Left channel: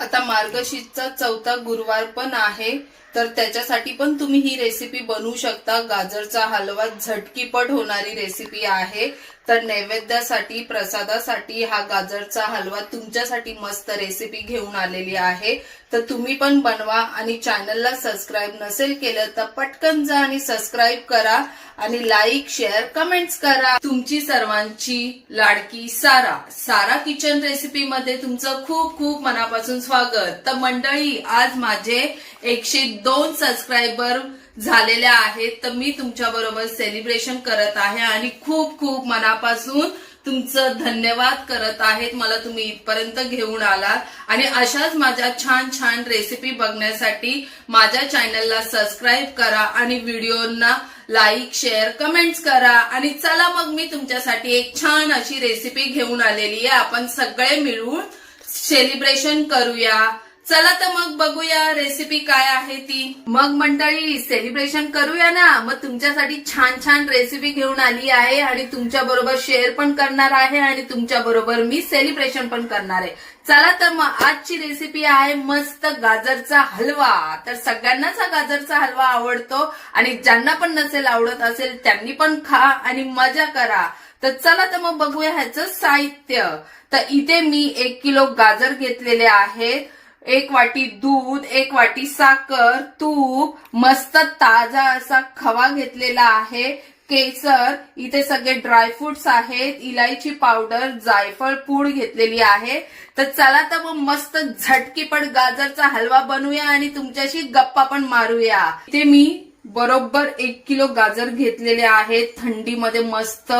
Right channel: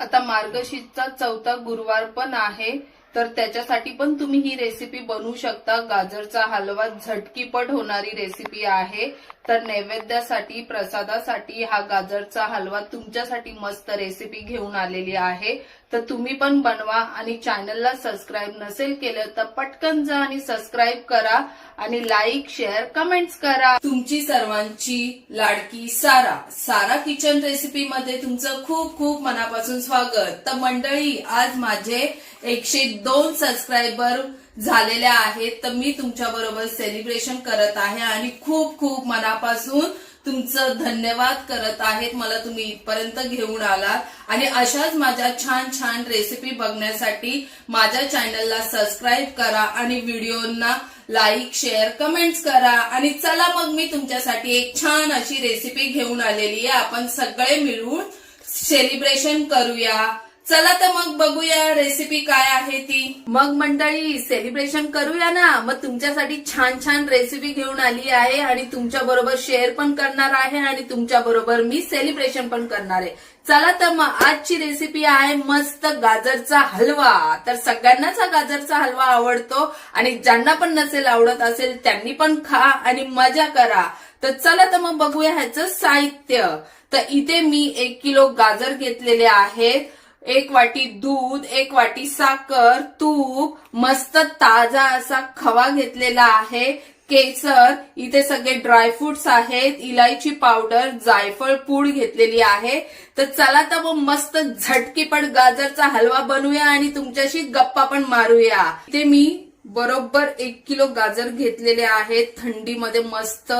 आता मार्गशीर्षचा चौथा गुरुवार पण आहे तर त्याच्यासाठी पण तुम्ही ही रेसिपी बनवू शकता. गाजरचा हलवा झटकीपट होणारी रेसिपी आहे. तर नैवेद्यासाठी प्रसादासाठी हा गाजरचा हलवा तुमच्यासाठी मस्त रेसिपी घेऊन आलेली आहे. तर तुम्ही पण बनवा आणि चॅनलला सबस्क्राईब नसेल केलं तर पटकन जा आणि सबस्क्राईब करा आणि लाईक शेअर कमेंट्स करा. तुमची सर्वांची लाडकी सारा. सारा किचन रेसिपी मध्ये तुमचं खूप खूप मनापासून स्वागत. तर मंडळी आज माझे एकशे दोन सबस्क्रायबर झालेल्या आहेत तर मी तुमच्या बरोबर सेलिब्रेशन करत आहे आणि खूप खूप मनापासून तुमचं धन्यवाद करत आहेत. मला तुम्ही इथपर्यंत घेऊन आलात. आणि अशाच माझ्या छान छान रेसिपी बघण्यासाठी माझ्या चॅनलला सबस्क्राईब करा आणि व्हिडिओना लाईक शेअर कमेंट्स करा. आणि चला मग मी तुमच्यासाठी एक छान अशी रेसिपी घेऊन आलेली आहे. आपण सगळे मिळून सेलिब्रेशन करूया. चला तर मग बघूया रेसिपी काय आहे ती. मग मंडळी सेलिब्रेशन करूया ना? मग तुमच्यासाठी छान छान रेसिपी घेऊन आली आहे आणि तुमच्या बरोबर शेअर पण करणार आहे आणि तुमच्या बरोबर मी सेलिब्रेशन पण करणार आहे. चला तर मग आजची रेसिपी आहे मस्त गाजरचा हलवा. तर सगळ्यांनाच हा गाजरचा हलवा आवडतो आणि ज्यांना पण नसेल आवडत असेल त्यांनी पण खा आणि मजा करा. तर चला तर मग बघूया ह्याचं साहित्य. तर इथे मी एक किलो गाजर घेतलेले आहेत. एक वाटी दूध एक वाटी साखर तूप मस्त ताजा असा खवा घेतलेला आहे. केसर इथे सगळे ड्रायफ्रुट्स आहेत. इलायची पावडर जायफळ पूड घेतलेली आहे. तर चला तर मग मस्त झटकीपट गाजरचा हलवा बनवूया आणि तुमच्याशी गप्पा पण मारूया. ते मी बरोबर एक किलो गाजर घेतलेले आहेत. थंडीमध्ये मस्त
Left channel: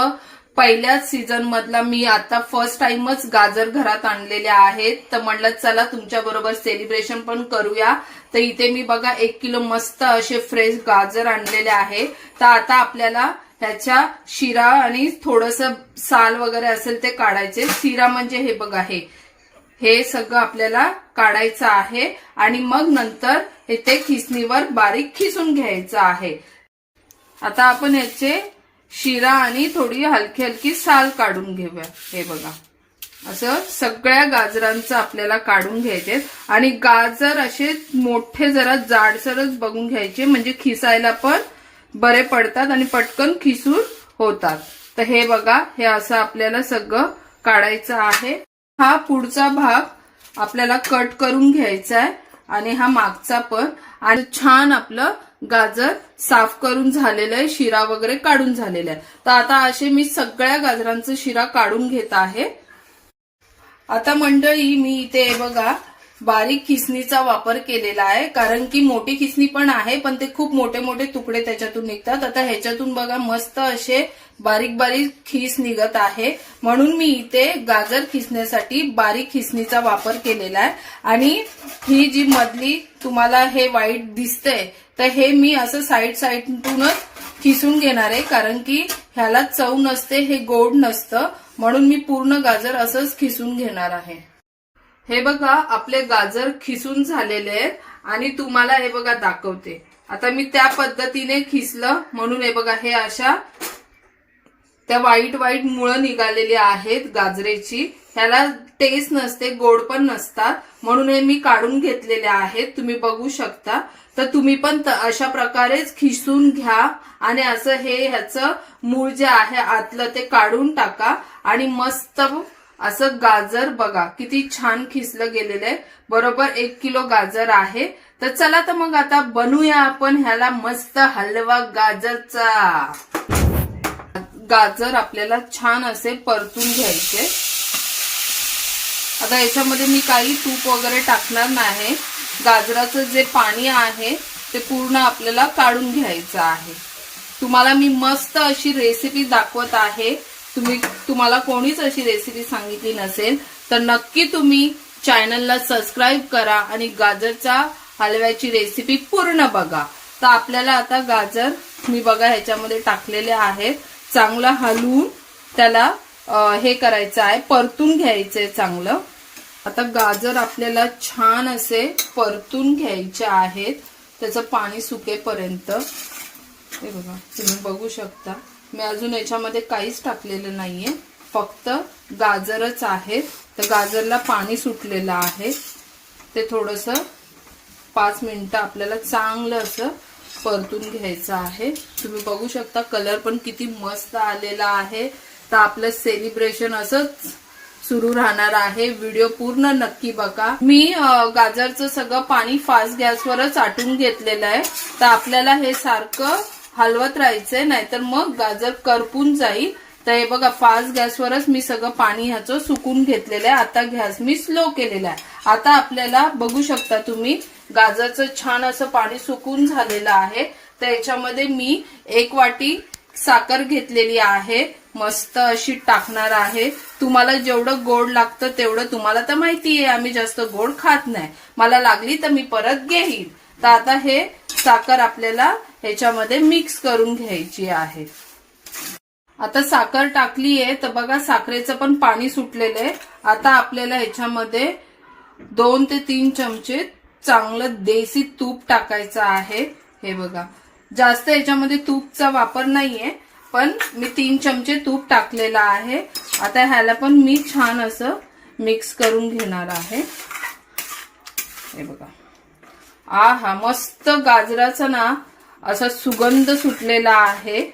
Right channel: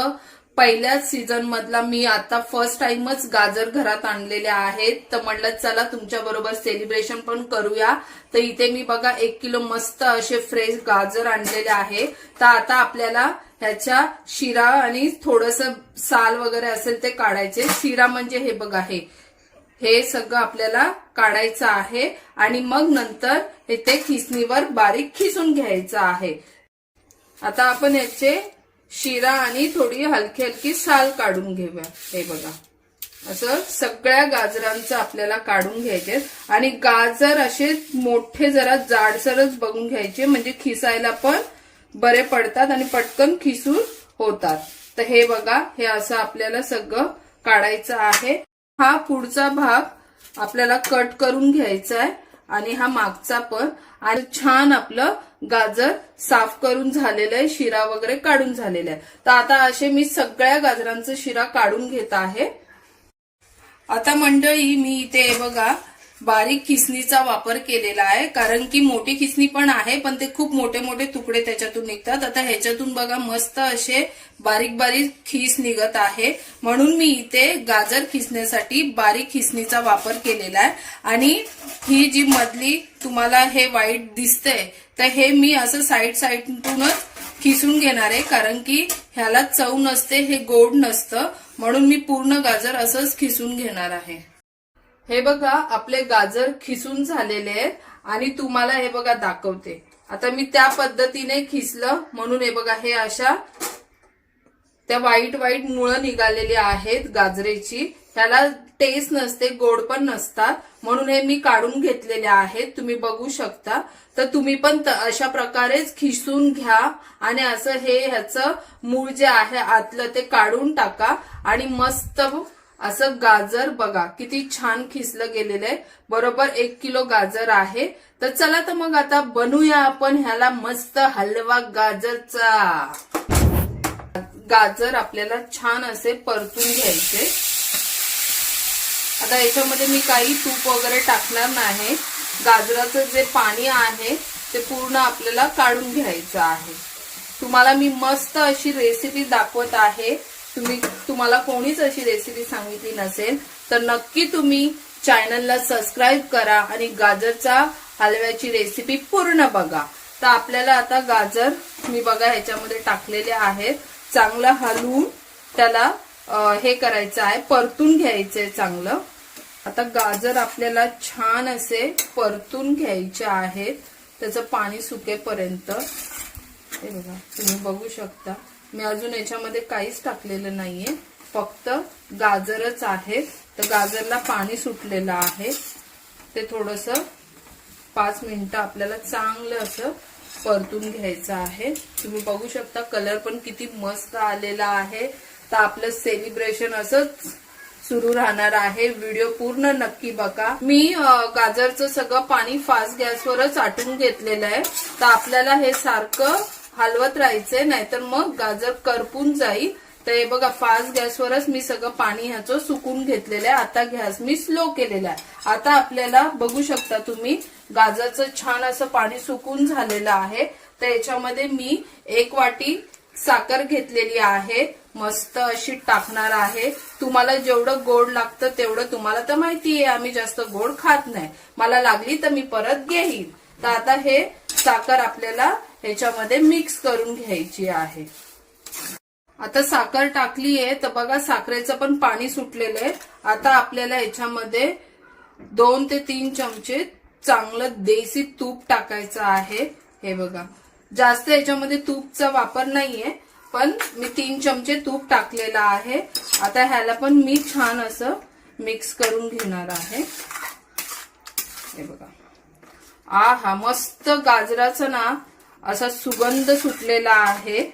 पहिल्याच सीझन मधला मी आता फर्स्ट टाइमच गाजर घरात आणलेले आहेत. तर म्हटलं चला तुमच्या बरोबर सेलिब्रेशन पण करूया. तर इथे मी बघा एक किलो मस्त असे फ्रेश गाजर आणलेले आहे. तर आता आपल्याला ह्याच्या शिरा आणि थोडस साल वगैरे असेल ते काढायचे. शिरा म्हणजे हे बघा हे. हे सगळं आपल्याला काढायचं आहे. आणि मग नंतर हे ते खिसणीवर बारीक खिसून घ्यायचं आहे. आता आपण याचे शिरा आणि थोडी हलकी हलकी साल काढून घेऊया. हे बघा. असं सगळ्या गाजरांचं आपल्याला काढून घ्यायचे आणि गाजर असे मोठे जरा जाडसरच बघून घ्यायचे म्हणजे खिसायला पण बरे पडतात आणि पटकन खिसून होतात. तर हे बघा हे असं आपल्याला सगळं काढायचं आहे. हा पुढचा भाग आपल्याला कट करून घ्यायचा आहे. आणि हा मागचा पण. आणि छान आपलं गाजर साफ करून झालेलं आहे शिरा वगैरे काढून झालेला आहे. तर आता असे मी सगळ्या गाजरांचं शिरा काढून घेत आहे. आता मंडळी मी इथे बघा बारीक खिसणीचा वापर केलेला आहे. कारण की मोठी खिसणी पण आहे पण ते खूप मोठे मोठे तुकडे त्याच्यातून निघतात. आता ह्याच्यातून बघा मस्त असे बारीक बारीक खिस निघत आहे. म्हणून मी इथे गाजर खिसण्यासाठी बारीक खिसणीचा वापर केलेला आहे. आणि ही जी मधली तुम्हाला हे वाईट दिसतंय तर हे मी असं साईड साईडतूनच खिसून घेणार आहे. कारण की ह्याला चव नसते हे गोड नसतं. म्हणून मी पूर्ण गाजर असंच खिसून घेणार आहे. हे बघा आपले गाजर खिसून झालेले आहेत आणि तुम्हाला हे बघा दाखवते. आता मी त्या पद्धतीने खिसलं म्हणून हे बघा हे अशा त्या वाईट वाईट मुळं निघालेली आहेत गाजरेची. ह्याला टेस्ट नसते गोड पण नसतात. म्हणून हे मी काढून घेतलेले आहेत. तुम्ही बघू शकता. तर तुम्ही पण अशा प्रकारेच खिसून घ्या आणि असं हे ह्याचं मूळ जे आहे आतलं ते काढून टाका आणि मस्त असं गाजर बघा किती छान खिसलं गेलेलं आहे. बरोबर एक किलो गाजर आहे. तर चला तर मग आता बनवूया आपण ह्याला मस्त हलवा गाजरचा. गाजर आपल्याला छान असे परतून घ्यायचे. आता याच्यामध्ये मी काही तूप वगैरे टाकणार नाही. गाजराचं जे पाणी आहे ते पूर्ण आपल्याला काढून घ्यायचं आहे. तुम्हाला मी मस्त अशी रेसिपी दाखवत आहे. तुम्ही तुम्हाला कोणीच अशी रेसिपी सांगितली नसेल तर नक्की तुम्ही चॅनलला सबस्क्राईब करा आणि गाजरचा हलव्याची रेसिपी पूर्ण बघा. तर आपल्याला आता गाजर मी बघा ह्याच्यामध्ये टाकलेले आहेत. चांगलं हलवून त्याला हे करायचं आहे परतून घ्यायचंय चांगलं. आता गाजर आपल्याला छान असे परतून घ्यायचे आहेत. त्याचं पाणी सुकेपर्यंत. हे बघा तुम्ही बघू शकता. मी अजून याच्यामध्ये काहीच टाकलेलं नाहीये. फक्त गाजरच आहे. तर गाजरला पाणी सुटलेलं आहे. ते थोडंसं पाच मिनटं आपल्याला चांगलं असं परतून घ्यायचं आहे. तुम्ही बघू शकता कलर पण किती मस्त आलेला आहे. तर आपलं सेलिब्रेशन असंच सुरू राहणार आहे. व्हिडिओ पूर्ण नक्की बघा. मी गाजरचं सगळं पाणी फास्ट गॅसवरच आटून घेतलेलं आहे. तर आपल्याला हे सारखं हलवत राहायचंय नाहीतर मग गाजर करपून जाईल. तर हे बघा फास्ट गॅसवरच मी सगळं पाणी ह्याचं सुकून घेतलेलं आहे. आता गॅस मी स्लो केलेला आहे. आता आपल्याला बघू शकता तुम्ही गाजरचं छान असं पाणी सुकून झालेलं आहे. तर याच्यामध्ये मी एक वाटी साखर घेतलेली आहे. मस्त अशी टाकणार आहे. तुम्हाला जेवढं गोड लागतं तेवढं तुम्हाला तर माहिती आहे आम्ही जास्त गोड खात नाही. मला लागली तर मी परत घेईन तर आता हे साखर आपल्याला ह्याच्यामध्ये मिक्स करून घ्यायची आहे. आता साखर टाकली आहे तर बघा साखरेचं पण पाणी सुटलेलं आहे. आता आपल्याला ह्याच्यामध्ये दोन ते तीन चमचे चांगलं देसी तूप टाकायचं आहे. हे बघा. जास्त याच्यामध्ये तूपचा वापर नाहीये पण मी तीन चमचे तूप टाकलेलं आहे. आता ह्याला पण मी छान असं मिक्स करून घेणार आहे. हे बघा. आ हा मस्त गाजराचं ना असा सुगंध सुटलेला आहे.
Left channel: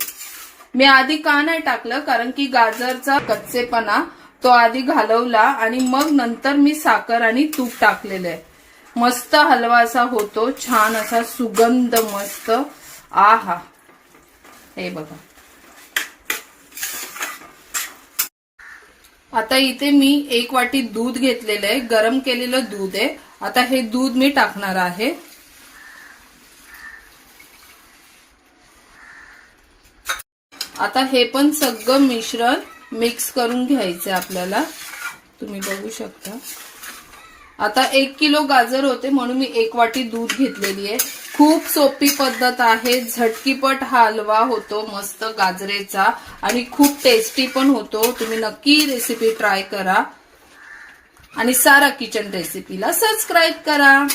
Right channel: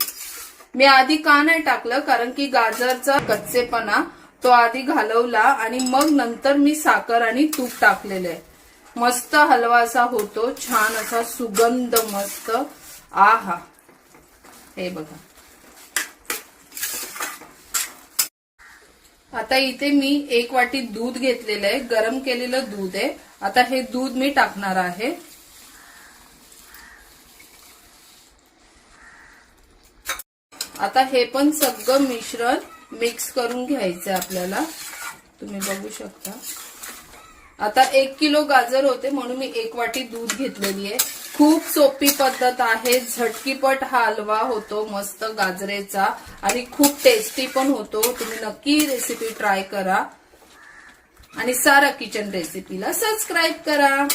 मी आधी का नाही टाकलं कारण की गाजरचा कच्चेपणा तो आधी घालवला आणि मग नंतर मी साखर आणि तूप टाकलेलं आहे. मस्त हलवा असा होतो छान असा सुगंध मस्त. आहा. हे बघा. आता इथे मी एक वाटी दूध घेतलेलं आहे गरम केलेलं दूध आहे. आता हे दूध मी टाकणार आहे. आता हे पण सगळं मिश्रण मिक्स करून घ्यायचं आपल्याला. तुम्ही बघू शकता. आता एक किलो गाजर होते म्हणून मी एक वाटी दूध घेतलेली आहे. खूप सोपी पद्धत आहे. झटकीपट हा हलवा होतो मस्त गाजरेचा. आणि खूप टेस्टी पण होतो. तुम्ही नक्की रेसिपी ट्राय करा. आणि सारा किचन रेसिपीला सबस्क्राईब करा.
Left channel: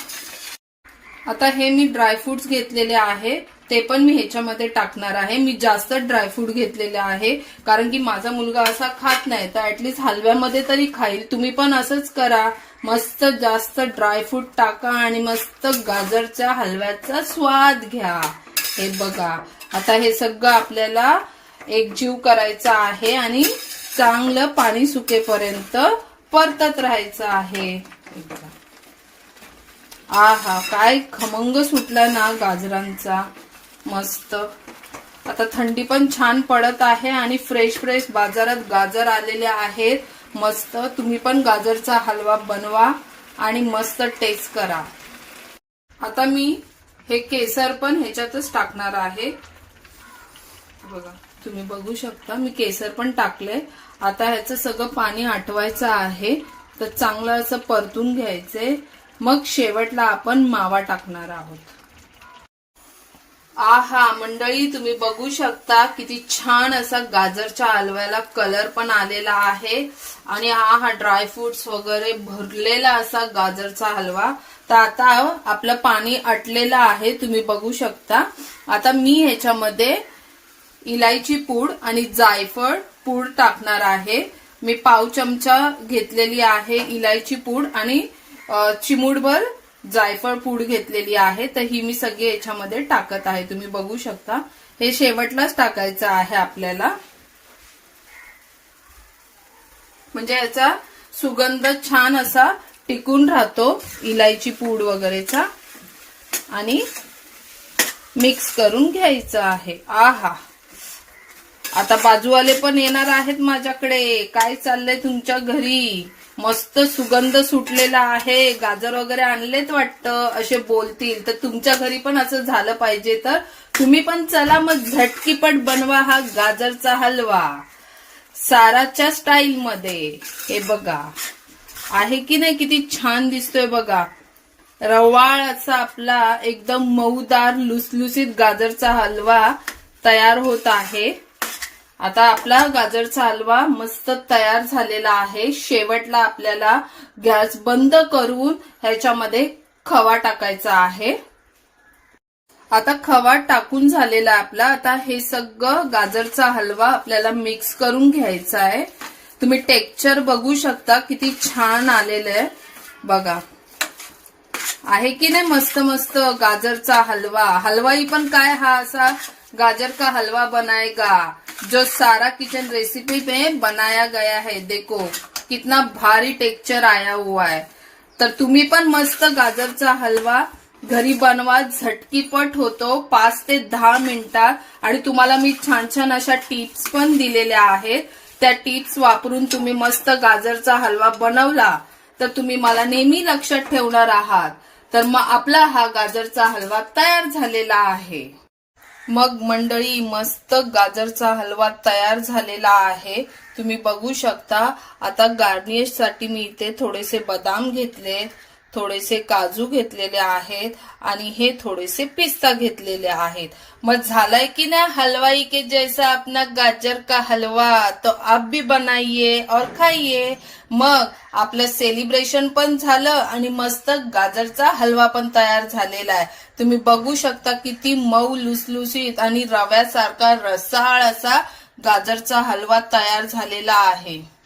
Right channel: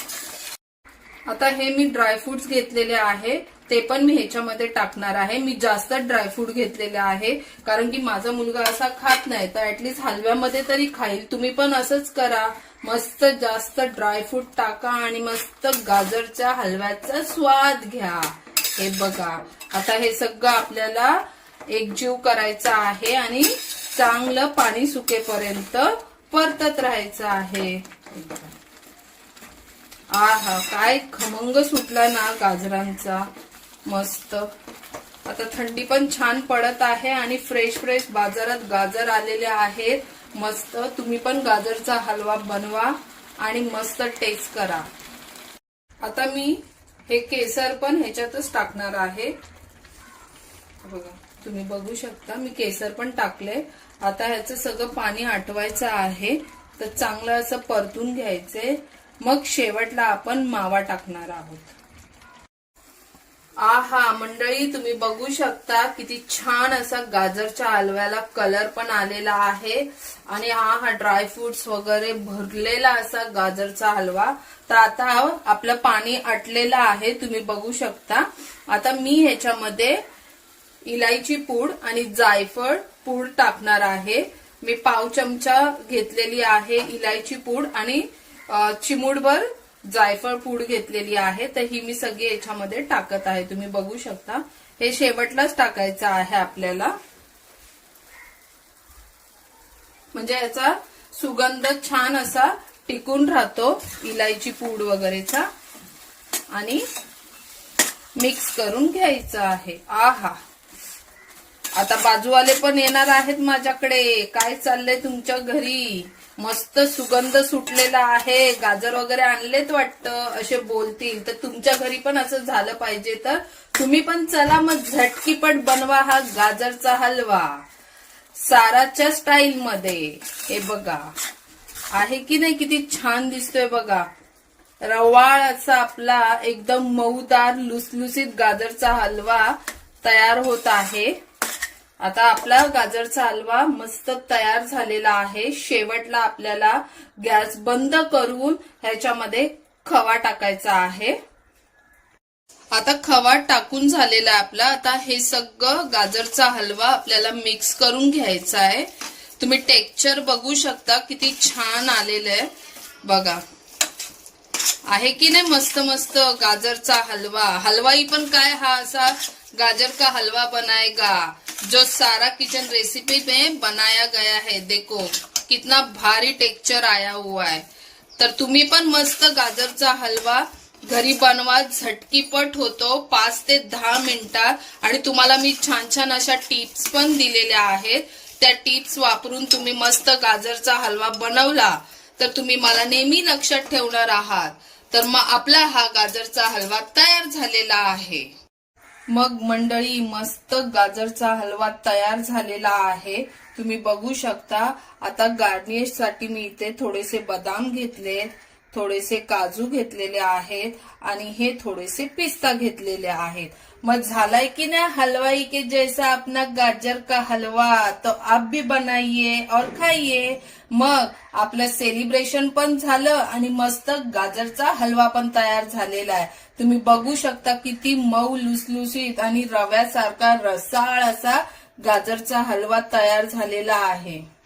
आता हे मी ड्रायफ्रुट्स घेतलेले आहे. ते पण मी ह्याच्यामध्ये टाकणार आहे. मी जास्त ड्रायफ्रूट घेतलेले आहे. कारण की माझा मुलगा असा खात नाही तर ऍटलीस्ट हलव्यामध्ये तरी खाईल. तुम्ही पण असंच करा. मस्त जास्त ड्रायफ्रूट टाका आणि मस्त गाजरच्या हलव्याचा स्वाद घ्या. हे बघा. आता हे सगळं आपल्याला एकजीव करायचं आहे आणि चांगलं पाणी सुकेपर्यंत परतत राहायचं आहे. आ हा काय खमंग सुटला ना गाजरांचा. मस्त. आता थंडी पण छान पडत आहे आणि फ्रेश फ्रेश बाजारात गाजर आलेले आहेत. मस्त. तुम्ही पण गाजरचा हलवा बनवा आणि मस्त टेस्ट करा. आता मी हे केसर पण ह्याच्यातच टाकणार आहे. बघा तुम्ही बघू शकता मी केसर पण टाकले आता ह्याचं सगळं पाणी आटवायचं आहे. तर चांगलं असं परतून घ्यायचंय. मग शेवटला आपण मावा टाकणार आहोत. आहा मंडळी तुम्ही बघू शकता किती छान असा गाजरच्या हलव्याला कलर पण आलेला आहे. आणि हा हा ड्रायफ्रुट्स वगैरे भरलेला असा गाजरचा हलवा. तर आता आपलं पाणी आटलेलं आहे तुम्ही बघू शकता. आता मी ह्याच्यामध्ये इलायची पूड आणि जायफळ पूड टाकणार आहे. मी पाव चमचा घेतलेली आहे इलायची पूड आणि अ, चिमूटभर जायफळ पूड घेतलेली आहे तर ही मी सगळी याच्यामध्ये टाकत आहे. तुम्ही बघू शकता. हे शेवटलाच टाकायचं आहे आपल्याला. म्हणजे याचा सुगंध छान असा टिकून राहतो इलायची पूड वगैरेचा. आणि मिक्स करून घ्यायचं आहे. आहा. आता बाजूवाले पण येणार आहेत माझ्याकडे. काय चाललंय तुमच्या घरी? मस्त सुगंध सुटलेला आहे. गाजर वगैरे आणलेत वाटतं असे बोलतील. तर तुमच्या घरी पण असं झालं पाहिजे तर तुम्ही पण चला मग झटकीपट बनवा हा गाजरचा हलवा. साराच्या स्टाईल मध्ये हे बघा. आहे की नाही किती छान दिसतोय बघा. रवाळ असा आपला एकदम मऊदार लुसलुसीत गाजरचा हलवा तयार होत आहे. आता आपला गाजरचा हलवा मस्त तयार झालेला आहे. शेवटला आपल्याला गॅस बंद करून ह्याच्यामध्ये खवा टाकायचा आहे. आता खवा टाकून झालेला आहे आपला. आता हे सगळं गाजरचा हलवा आपल्याला मिक्स करून घ्यायचा आहे. तुम्ही टेक्स्चर बघू शकता किती छान आलेलं आहे. बघा. आहे की नाही मस्त मस्त गाजरचा हलवा? हलवाई पण काय हा असा गाजर का हलवा बनायगा. जो सारा किचन रेसिपी में बनाया गया है। देखो कितना भारी टेक्चर आया हुआ है। तर तुम्ही पण मस्त गाजरचा हलवा घरी बनवा झटकीपट होतो पाच ते दहा मिनिटात. आणि तुम्हाला मी छान छान अशा टिप्स पण दिलेल्या आहेत. त्या टिप्स वापरून तुम्ही मस्त गाजरचा हलवा बनवला तर तुम्ही मला नेहमी लक्षात ठेवणार आहात. तर मग आपला हा गाजरचा हलवा तयार झालेला आहे. मग मंडळी मस्त गाजरचा हलवा तयार झालेला आहे. तुम्ही बघू शकता. आता गार्निशसाठी मी इथे थोडेसे बदाम घेतले थोडेसे काजू घेतलेले आहेत आणि हे थोडेसे पिस्ता घेतलेले आहेत. मग झालाय की नाही हलवाई के जैसा अपना गाजर का हलवा? तो आप भी बनाइए और खाइए. मग आपलं सेलिब्रेशन पण झालं आणि मस्त गाजरचा हलवा पण तयार झालेला आहे. तुम्ही बघू शकता किती मऊ लुसलुसीत आणि रव्यासारखा रसाळ असा गाजरचा हलवा तयार झालेला आहे.